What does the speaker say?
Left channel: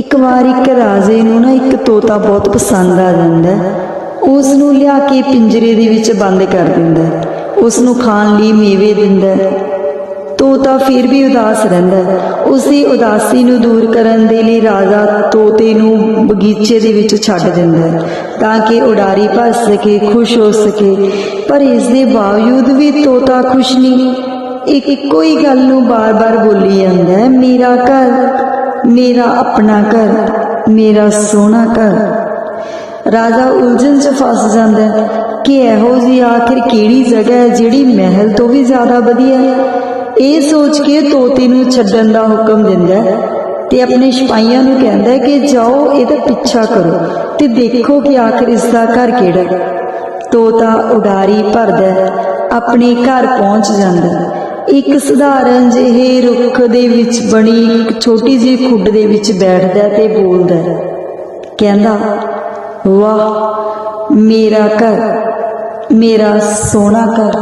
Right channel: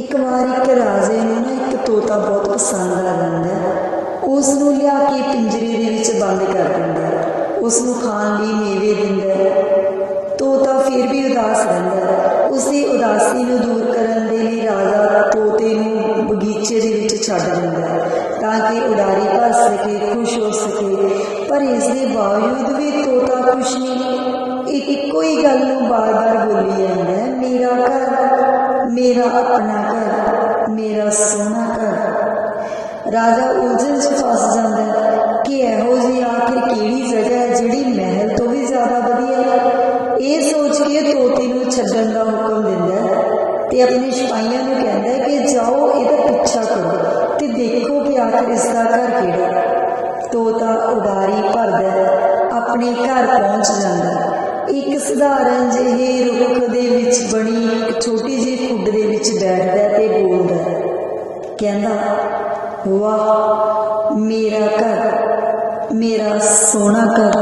ਇੱਕ ਵਾਰ ਇੱਕ ਰਾਜੇ ਨੂੰ ਨਾ ਇੱਕ ਤੋਤਾ ਬਹੁਤ ਪਸੰਦ ਆ ਜਾਂਦਾ ਉਸ ਨੂੰ ਲਿਆ ਕੇ ਪਿੰਜਰੇ ਦੇ ਵਿੱਚ ਬੰਦ ਕਰ ਦਿੰਦਾ ਹੈ। ਉਸ ਨੂੰ ਖਾਣ ਲਈ ਮੇਵੇ ਦਿੰਦਾ ਤੋਤਾ ਫਿਰ ਵੀ ਉਦਾਸ ਰਹਿੰਦਾ ਉਸੇ ਉਦਾਸੀ ਨੂੰ ਦੂਰ ਕਰਨ ਦੇ ਲਈ ਰਾਜਾ ਤੋਤੇ ਨੂੰ ਬਗੀਚੇ ਦੇ ਵਿੱਚ ਛੱਡ ਦਿੰਦਾ ਤਾਂ ਕਿ ਉਡਾਰੀ ਭਰ ਸਕੇ, ਖੁਸ਼ ਹੋ ਸਕੇ। ਪਰ ਇਸ ਦੇ ਬਾਵਜੂਦ ਵੀ ਤੋਤਾ ਖੁਸ਼ ਨਹੀਂ। ਇੱਕ ਇੱਕੋ ਹੀ ਗੱਲ ਨੂੰ ਬਾਰ-ਬਾਰ ਬੋਲੀ ਜਾਂਦਾ ਮੇਰਾ ਘਰ ਮੇਰਾ ਆਪਣਾ ਘਰ, ਮੇਰਾ ਸੋਹਣਾ ਘਰ। ਰਾਜਾ ਉਲਝਣ 'ਚ ਫਸ ਜਾਂਦਾ ਕਿ ਇਹੋ ਜੀ ਆਖਿਰ ਕਿਹੜੀ ਜਗ੍ਹਾ ਹੈ ਜਿਹੜੀ ਮਹਿਲ ਤੋਂ ਵੀ ਜ਼ਿਆਦਾ ਵਧੀਆ ਹੈ? ਇਹ ਸੋਚ ਕੇ ਤੋਤੇ ਨੂੰ ਛੱਡਣ ਦਾ ਹੁਕਮ ਦਿੰਦਾ ਤੇ ਆਪਣੇ ਸਿਪਾਹੀਆਂ ਨੂੰ ਕਹਿੰਦਾ ਕਿ ਜਾਓ, ਇਹਦਾ ਪਿੱਛਾ ਕਰੋ ਤੇ ਦੇਖੋ ਕਿ ਆਖਿਰ ਇਸ ਦਾ ਘਰ ਕਿਹੜਾ ਹੈ। ਤੋਤਾ ਉਡਾਰੀ ਭਰਦਾ ਆਪਣੇ ਘਰ ਪਹੁੰਚ ਜਾਂਦਾ ਇੱਕ ਸਧਾਰਨ ਜਿਹੇ ਰੁੱਖ ਦੇ ਵਿੱਚ ਬਣੀ ਇੱਕ ਛੋਟੀ ਜਿਹੀ ਖੁੱਡ ਦੇ ਵਿੱਚ ਬੈਠਦਾ ਤੇ ਬੋਲਦਾ ਕਹਿੰਦਾ, ਵਾਹ, ਮੇਰਾ ਘਰ, ਮੇਰਾ ਸੋਹਣਾ ਘਰ।